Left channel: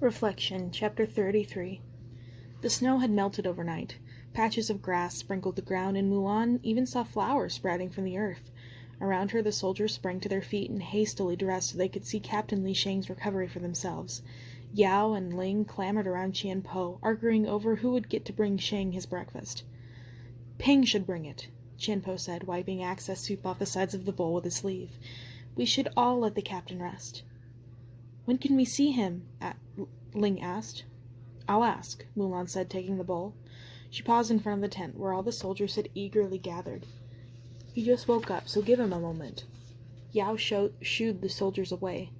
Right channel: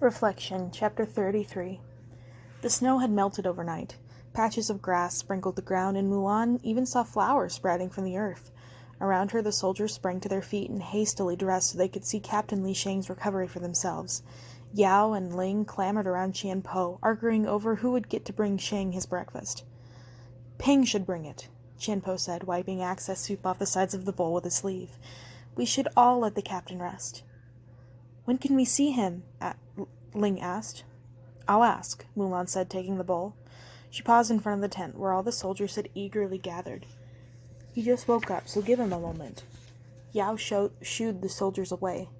Reflection, Chapter 33. The snow had melted overnight. Patches of grass sprinkled the ground, and Mulan even saw flowers sprouting from the earth. Around her, the soldiers sprang to their feet and hastily dressed so they could see Captain Li Shang's recovery for themselves. Yao and Ling clamored around Qianpo, arguing over who would get to bring Shang his breakfast. "Ping should bring it," Qianpo said, wiping excess soup off the sides of the bowl with his sleeve. "We should all let the captain rest." "When can we see him?" Ling asked. "I'll ask," Mulan said, taking the bowl. She paused in front of the tent, where all the soldiers had eagerly gathered. "He just woke up, so give him a moment." Yao shooed the soldiers away.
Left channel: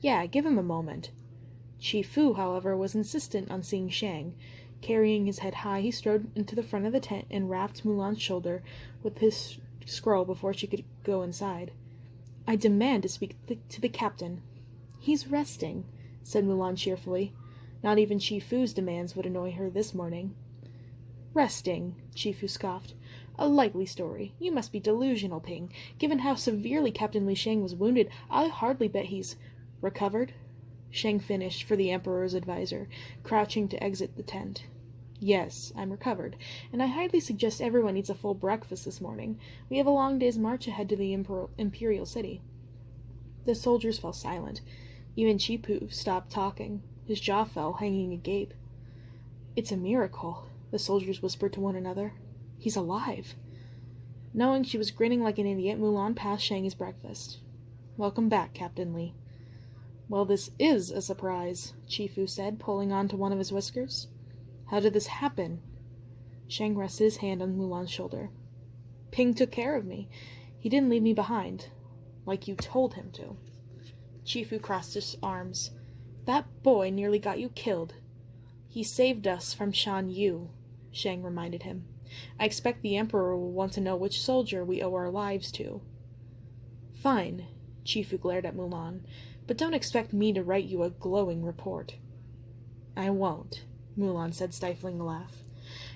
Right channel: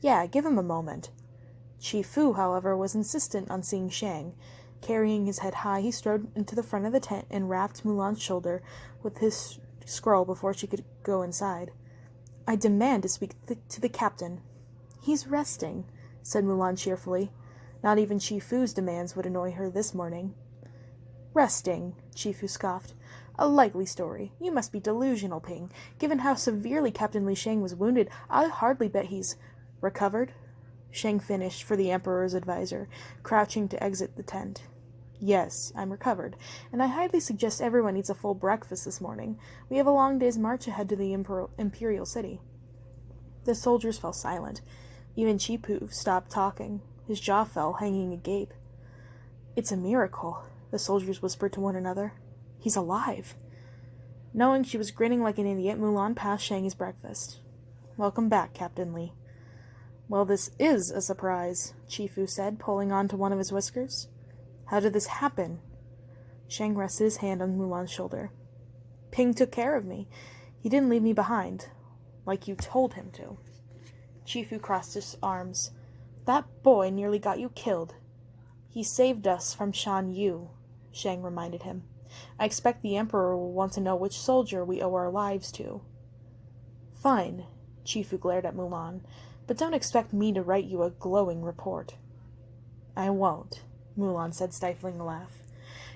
"Yeah, give him a moment." Chi Fu, however, was insistent on seeing Shang. Carrying his head high, he strode into the front of the tent and rapped Mulan's shoulder with his scroll before she could go inside. "I demand to speak to the captain." "He's resting," said Mulan cheerfully. Not even Chi Fu's demands would annoy her this morning. "Resting," Chi Fu scoffed. "A likely story. You must be delusional, Ping. Given how severely Captain Li Shang was wounded, I hardly bet he's recovered." Shang finished for the Emperor's advisor, crouching to exit the tent. "Yes, I'm recovered, and I highly suggest everyone eats a full breakfast this morning. We have a long day's march ahead to the imperial city." The soldiers fell silent. Even Chi Fu stopped talking. His jaw fell, hanging agape. "It's a miracle," the soldiers whispered to one another. "He's alive." Knowing she was grinning like an idiot, Mulan passed Shang his breakfast. "Welcome back, Captain Li." "Well, this is a surprise," Chi Fu said, pulling on to one of his whiskers. "How did this happen?" Shang rested his hand on Mulan's shoulder. "Ping took care of me. He didn't leave me behind, like you told him to." Chi Fu crossed his arms. "That boy nearly got you killed." "He saved us from Shan Yu," Shang reminded him. "I expect the Emperor will want to know which soldier we owe our lives to." "Fine," Chi Fu glared at Mulan, "but don't expect me to write you a glowing report." "I won't," Mulan said, stifling a laugh.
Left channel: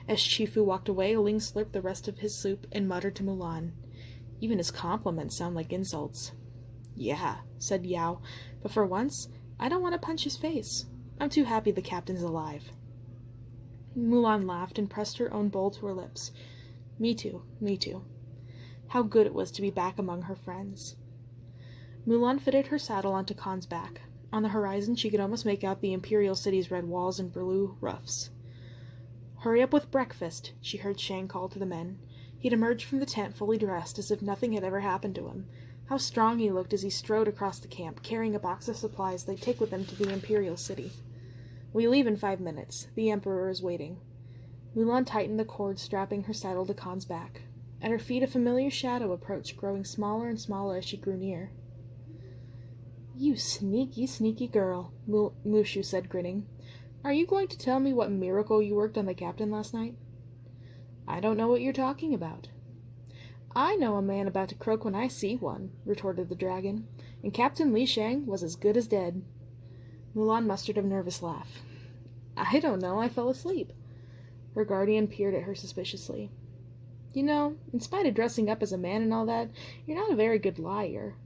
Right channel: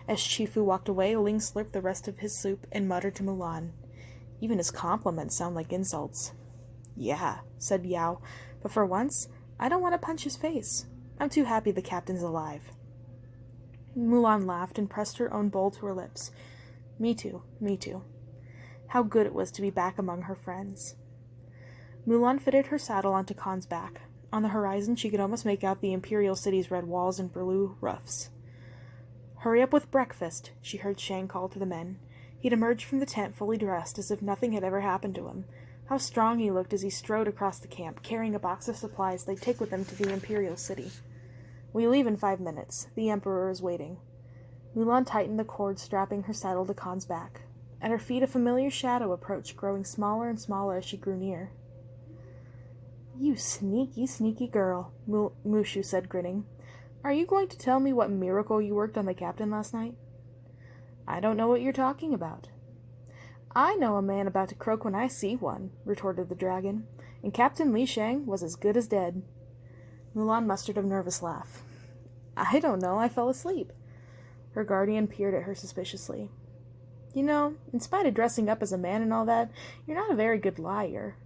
As Chi Fu walked away, Ling slurped the rest of his soup and muttered to Mulan. "Even his compliments sound like insults." "Yeah," said Yao, "but for once, I don't want to punch his face. I'm too happy the captain's alive." Mulan laughed and pressed her own bowl to her lips. Me too. How good it was to be back among her friends. Mulan fitted her saddle onto Khan's back. On the horizon, she could almost make out the imperial city's red walls and blue roofs. "Hurry up with breakfast," she heard Shang call to the men. He'd emerged from the tent fully dressed, as if nothing had ever happened to him. How strong he looked as he strode across the camp, carrying a box of supplies they'd take with them to the imperial city. "We leave in 5 minutes. The Emperor is waiting." Mulan tightened the cord strapping her saddle to Khan's back. At her feet, a familiar shadow approached, growing smaller and smaller as she grew near. "You sneaky, sneaky girl," Mushu said, grinning. "Are you going to tell me what miracle you worked on the captain last night?" "I don't know what you're talking about." "I know a man about to croak when I see one," retorted the dragon, "and Captain Li Shang was as good as dead." Mulan mustered a nervous laugh. "I don't know, I fell asleep." Her guardian peered at her suspiciously. "You know, in spite of dressing up as a man and all that, you're not a very good liar."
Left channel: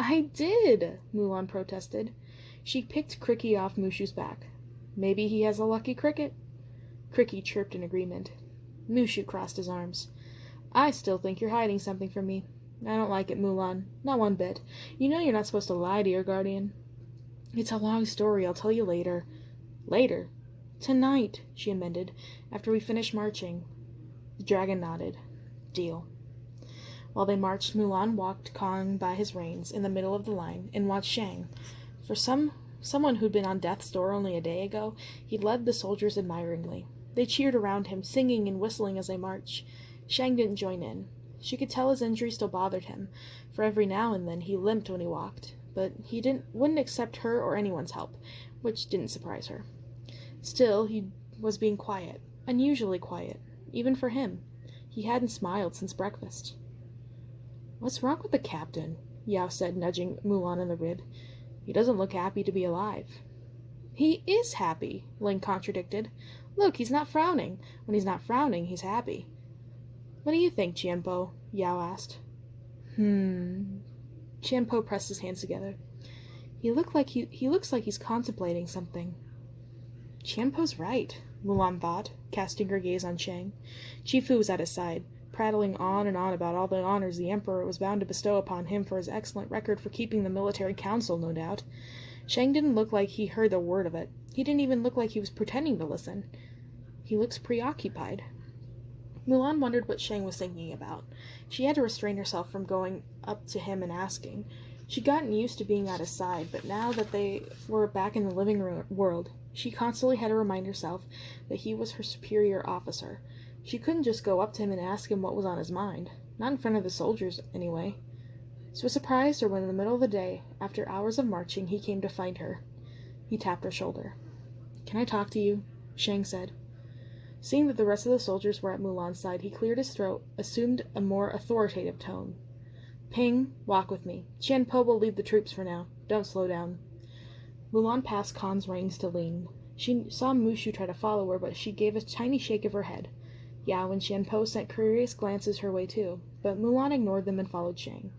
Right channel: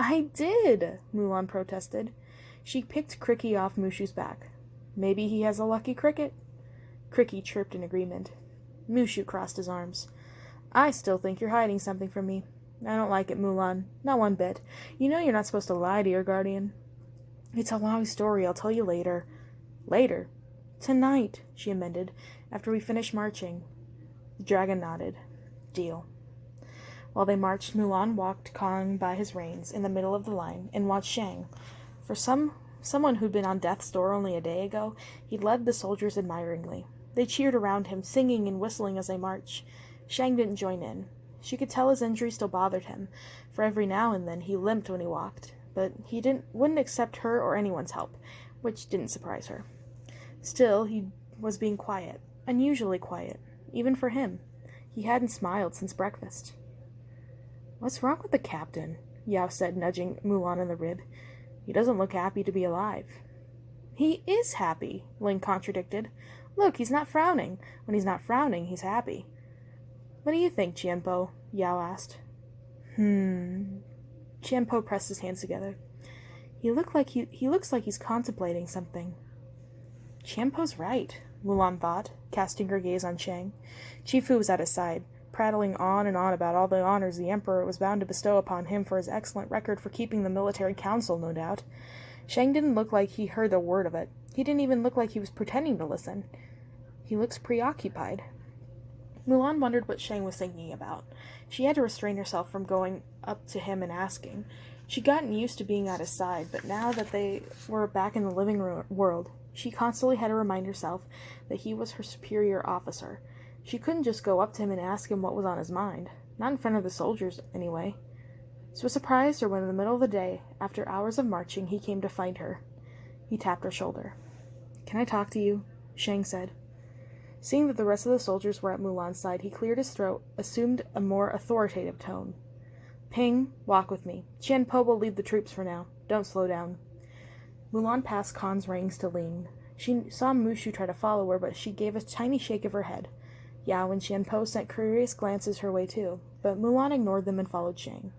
"I did," Mulan protested. She picked Cricky off Mushu's back. "Maybe he has a lucky cricket." Cricky chirped in agreement. Mushu crossed his arms. "I still think you're hiding something from me. I don't like it, Mulan. Not one bit. You know you're not supposed to lie to your guardian." "It's a long story. I'll tell you later." "Later?" "Tonight," she amended, "after we finish marching." The dragon nodded. "Deal." While they marched, Mulan walked Khan by his reins in the middle of the line and watched Shang. For someone who'd been on death's door only a day ago, he led the soldiers admiringly. They cheered around him, singing and whistling as they marched. Shang didn't join in. She could tell his injury still bothered him, for every now and then he limped when he walked, but he wouldn't accept her or anyone's help, which didn't surprise her. Still, he was being quiet, unusually quiet, even for him. He hadn't smiled since breakfast. "What's wrong with the captain?" Yao said, nudging Mulan in the rib. "He doesn't look happy to be alive." "He is happy," Ling contradicted. "Look, he's not frowning. When he's not frowning, he's happy." "What do you think, Qianpo?" Yao asked. Qianpo pressed his hands together. He looks like he's contemplating something." Qianpo's right, Mulan thought, casting her gaze on Shang. Chifu was at his side, prattling on and on about all the honors the Emperor was bound to bestow upon him for his excellent record for keeping the military council, no doubt. Shang didn't look like he heard a word of it. He didn't even look like he was pretending to listen. He looks preoccupied. Mulan wondered what Shang was thinking about. She had to restrain herself from going up to him and asking. She'd gotten used to being at his side, but now that they were back in the living world, she constantly had to remind herself that he was her superior officer. She couldn't just go up to him and ask him what was on his mind. Not in front of the soldiers, anyway. So it surprised her when in the middle of the day, after hours of marching, he came to find her. He tapped her shoulder. "Can I talk to you?" Shang said. Seeing that the rest of the soldiers were at Mulan's side, he cleared his throat, assumed a more authoritative tone. "Ping, walk with me. Qianpo will lead the troops for now. Don't slow down." Mulan passed Khan's reins to Ling. She saw Mushu try to follow her, but she gave a tiny shake of her head. Yao and Qianpo sent curious glances her way too, but Mulan ignored them and followed Shang.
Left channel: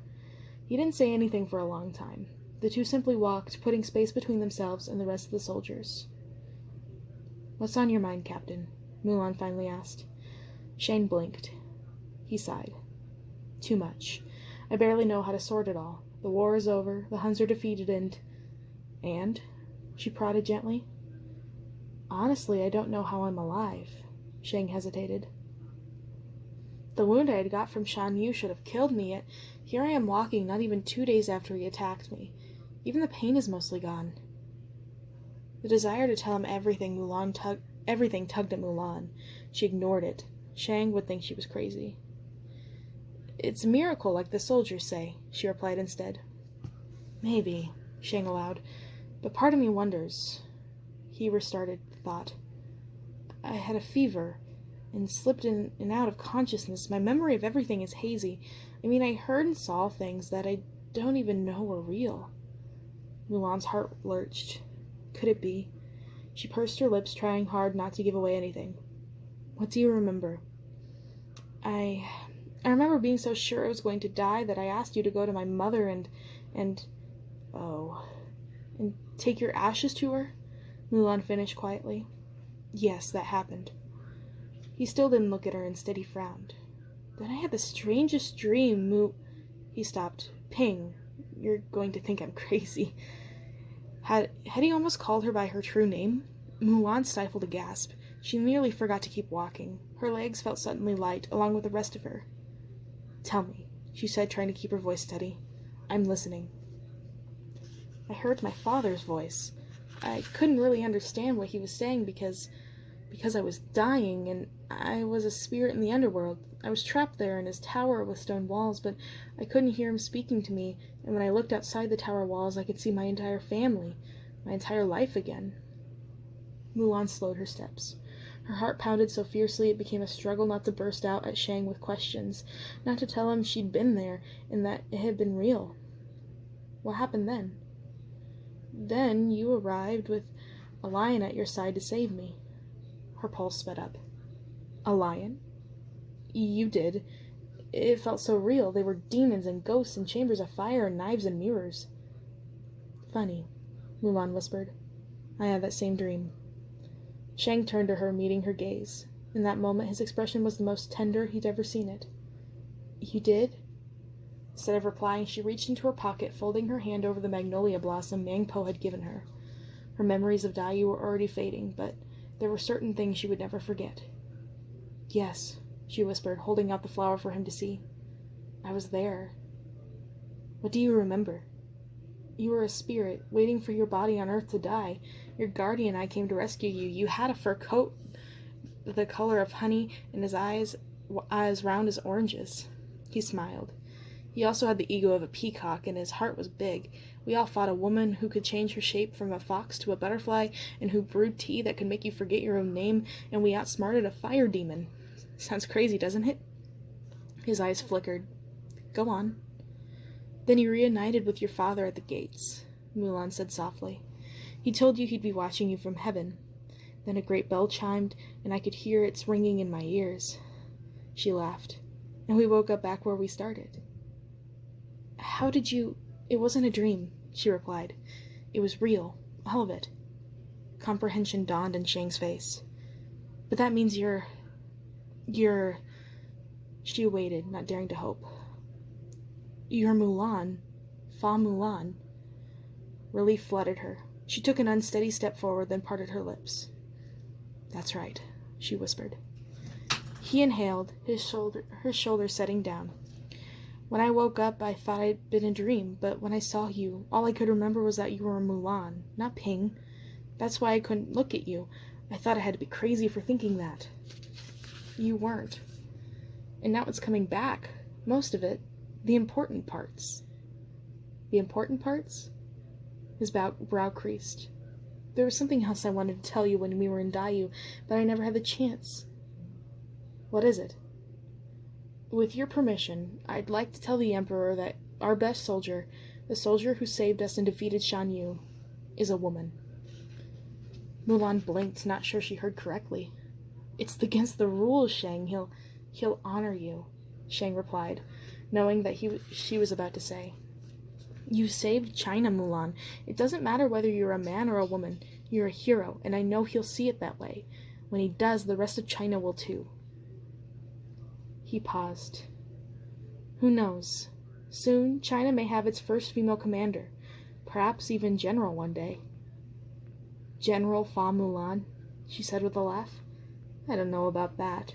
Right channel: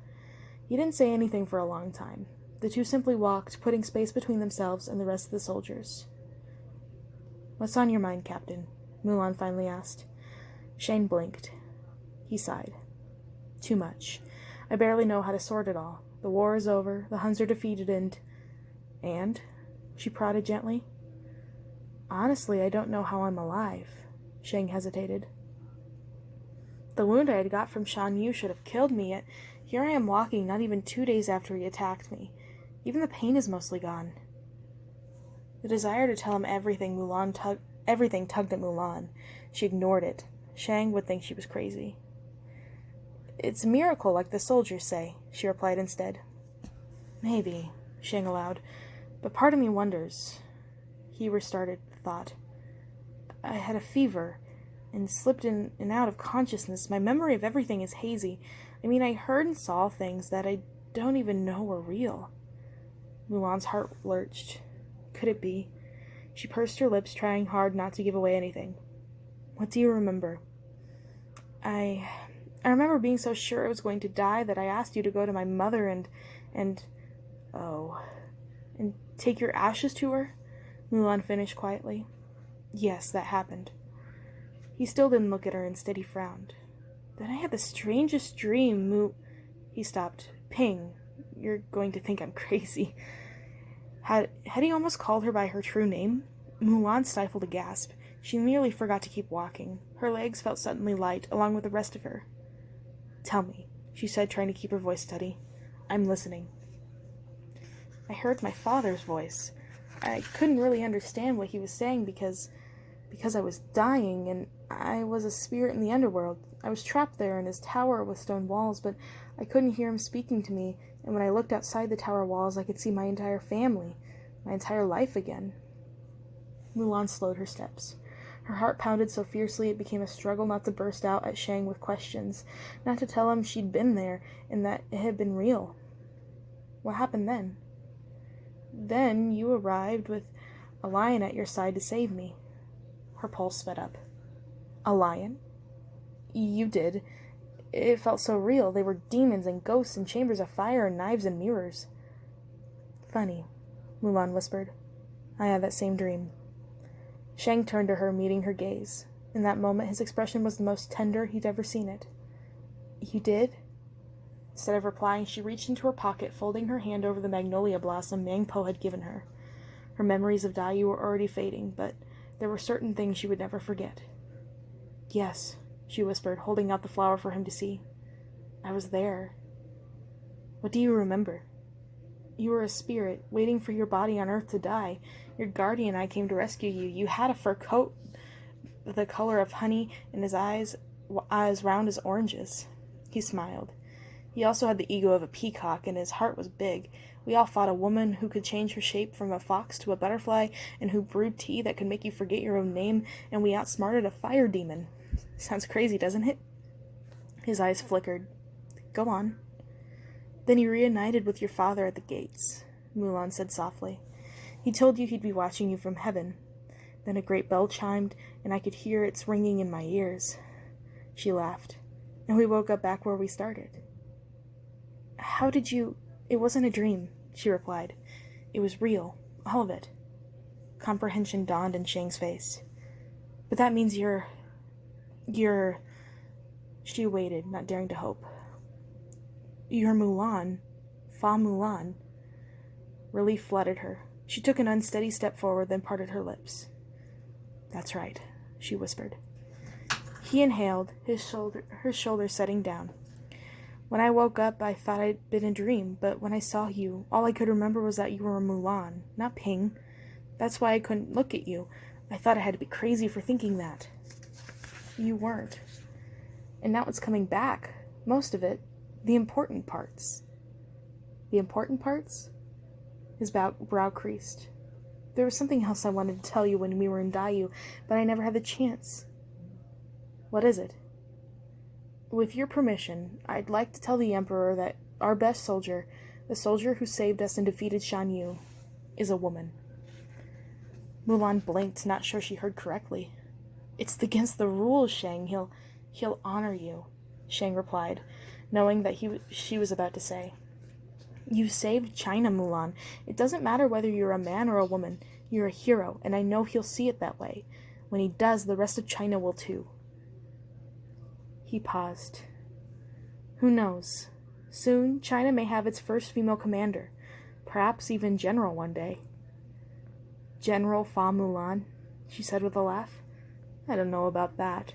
He didn't say anything for a long time. The two simply walked, putting space between themselves and the rest of the soldiers. "What's on your mind, Captain?" Mulan finally asked. Shang blinked. He sighed. "Too much. I barely know how to sort it all. The war is over, the Huns are defeated, and? She prodded gently. "Honestly, I don't know how I'm alive." Shang hesitated. "The wound I had got from Shan Yu should have killed me, yet here I am walking not even 2 days after he attacked me. Even the pain is mostly gone." The desire to tell him everything tugged at Mulan. She ignored it. Shang would think she was crazy. "It's a miracle, like the soldiers say," she replied instead. "Maybe," Shang allowed, "but part of me wonders." He restarted the thought. "I had a fever and slipped in and out of consciousness. My memory of everything is hazy. I mean, I heard and saw things that I don't even know were real." Mulan's heart lurched. Could it be? She pursed her lips, trying hard not to give away anything. "What do you remember?" I remember being so sure I was going to die that I asked you to go to my mother and take your ashes to her," Mulan finished quietly. "Yes, that happened." He still didn't look at her. Instead, he frowned. "Then I had the strangest dream, He stopped. "Ping, you're going to think I'm crazy." Had he almost called her by her true name? Mulan stifled a gasp. She nearly forgot to keep walking. Her legs felt suddenly light, along with the rest of her. "Tell me," she said, trying to keep her voice steady. "I'm listening." "I heard my father's voice. I couldn't really understand what he was saying because I was dying, and I was a spirit in the underworld. I was trapped there in his tower with stone walls, but I couldn't hear him speaking to me, and when I looked outside the tower walls, I could see my entire family, my entire life again." Mulan slowed her steps. Her heart pounded so fiercely it became a struggle not to burst out at Shang with questions, not to tell him she'd been there and that it had been real. "What happened then?" "Then you arrived with a lion at your side to save me." Her pulse sped up. "A lion?" "You did. It felt so real. They were demons and ghosts and chambers of fire and knives and mirrors." "Funny," Mulan whispered. "I had that same dream." Shang turned to her, meeting her gaze. In that moment, his expression was the most tender he'd ever seen it. "You did?" Instead of replying, she reached into her pocket, folding her hand over the magnolia blossom Mangpo had given her. Her memories of Dai Yu were already fading, but there were certain things she would never forget. "Yes," she whispered, holding out the flower for him to see. "I was there." "What do you remember?" "You were a spirit, waiting for your body on Earth to die. Your guardian and I came to rescue you. You had a fur coat the color of honey, and his eyes as round as oranges." He smiled. He also had the ego of a peacock, and his heart was big. "We all fought a woman who could change her shape from a fox to a butterfly, and who brewed tea that could make you forget your own name, and we outsmarted a fire demon." Sounds crazy, doesn't it? His eyes flickered. "Go on." "Then you reunited with your father at the gates," Mulan said softly. "He told you he'd be watching you from heaven. Then a great bell chimed, and I could hear its ringing in my ears." She laughed. "And we woke up back where we started." "How did you—" "It wasn't a dream," she replied. "It was real, all of it." Comprehension dawned in Shang's face. But that means you're... She waited, not daring to hope. You're Mulan. Fa Mulan. Relief flooded her. She took an unsteady step forward, then parted her lips. That's right, she whispered. He inhaled, her shoulders setting down. When I woke up, I thought I'd been a dream, but when I saw you, all I could remember was that you were Mulan, not Ping. That's why I couldn't look at you. I thought I had to be crazy for thinking that. You weren't. And now it's coming back. Most of it. The important parts. The important parts? His brow creased. There was something else I wanted to tell you when we were in Dayu, but I never had the chance. What is it? With your permission, I'd like to tell the Emperor that our best soldier, the soldier who saved us and defeated Shan Yu, is a woman. Mulan blinked, not sure she heard correctly. It's against the rules, Shang. He'll honor you, Shang replied, knowing that she was about to say. You saved China, Mulan. It doesn't matter whether you're a man or a woman. You're a hero, and I know he'll see it that way. When he does, the rest of China will too. He paused. Who knows? Soon, China may have its first female commander, perhaps even general one day. General Fa Mulan, she said with a laugh. I don't know about that.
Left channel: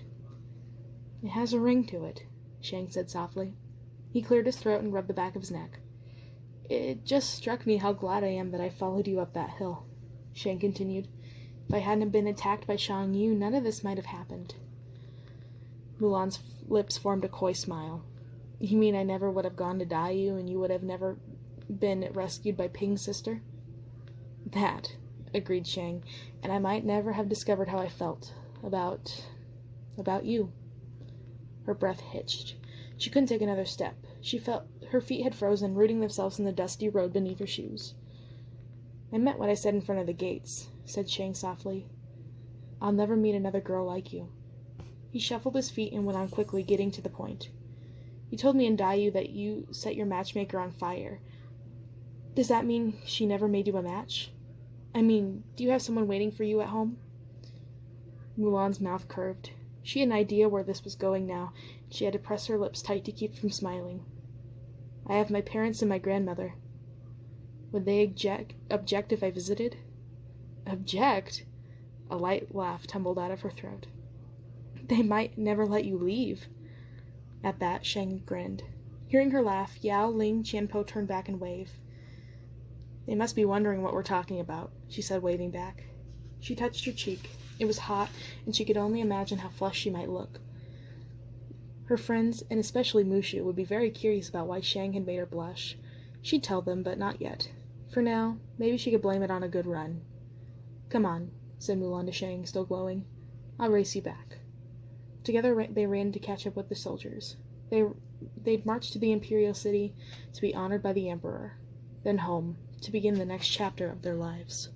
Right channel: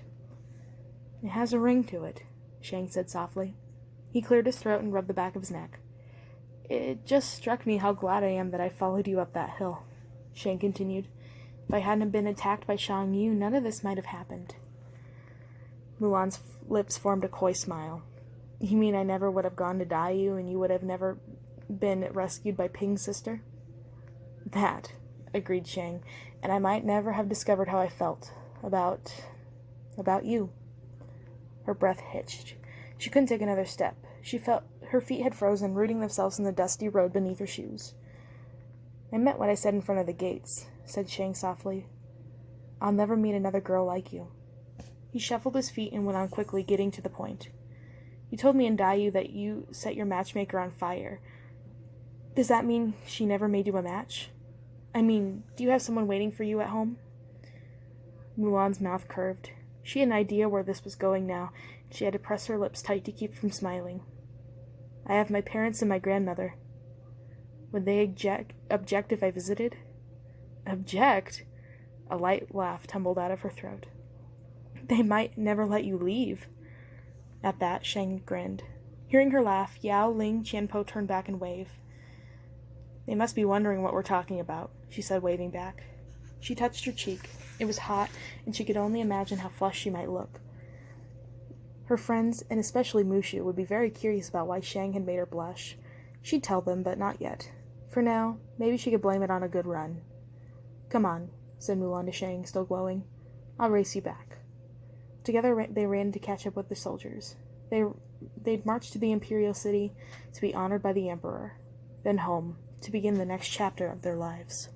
It has a ring to it, Shang said softly. He cleared his throat and rubbed the back of his neck. It just struck me how glad I am that I followed you up that hill, Shang continued. If I hadn't been attacked by Shan Yu, none of this might have happened. Mulan's lips formed a coy smile. You mean I never would have gone to Dayu and you would have never been rescued by Ping's sister? That, agreed Shang, and I might never have discovered how I felt about you. Her breath hitched. She couldn't take another step. She felt her feet had frozen, rooting themselves in the dusty road beneath her shoes. I meant what I said in front of the gates, said Shang softly. I'll never meet another girl like you. He shuffled his feet and went on quickly, getting to the point. You told me in Dayu that you set your matchmaker on fire. Does that mean she never made you a match? I mean, do you have someone waiting for you at home? Mulan's mouth curved. She had an idea where this was going now. She had to press her lips tight to keep from smiling. I have my parents and my grandmother. Would they object if I visited? Object? A light laugh tumbled out of her throat. They might never let you leave. At that, Shang grinned. Hearing her laugh, Yao, Ling, Qianpo turned back and waved. They must be wondering what we're talking about, she said, waving back. She touched her cheek. It was hot, and she could only imagine how flushed she might look. Her friends, and especially Mushu, would be very curious about why Shang had made her blush. She'd tell them, but not yet. For now, maybe she could blame it on a good run. Come on, said Mulan to Shang, still glowing. I'll race you back. Together they ran to catch up with the soldiers. They'd marched to the imperial city to be honored by the emperor, then home to begin the next chapter of their lives.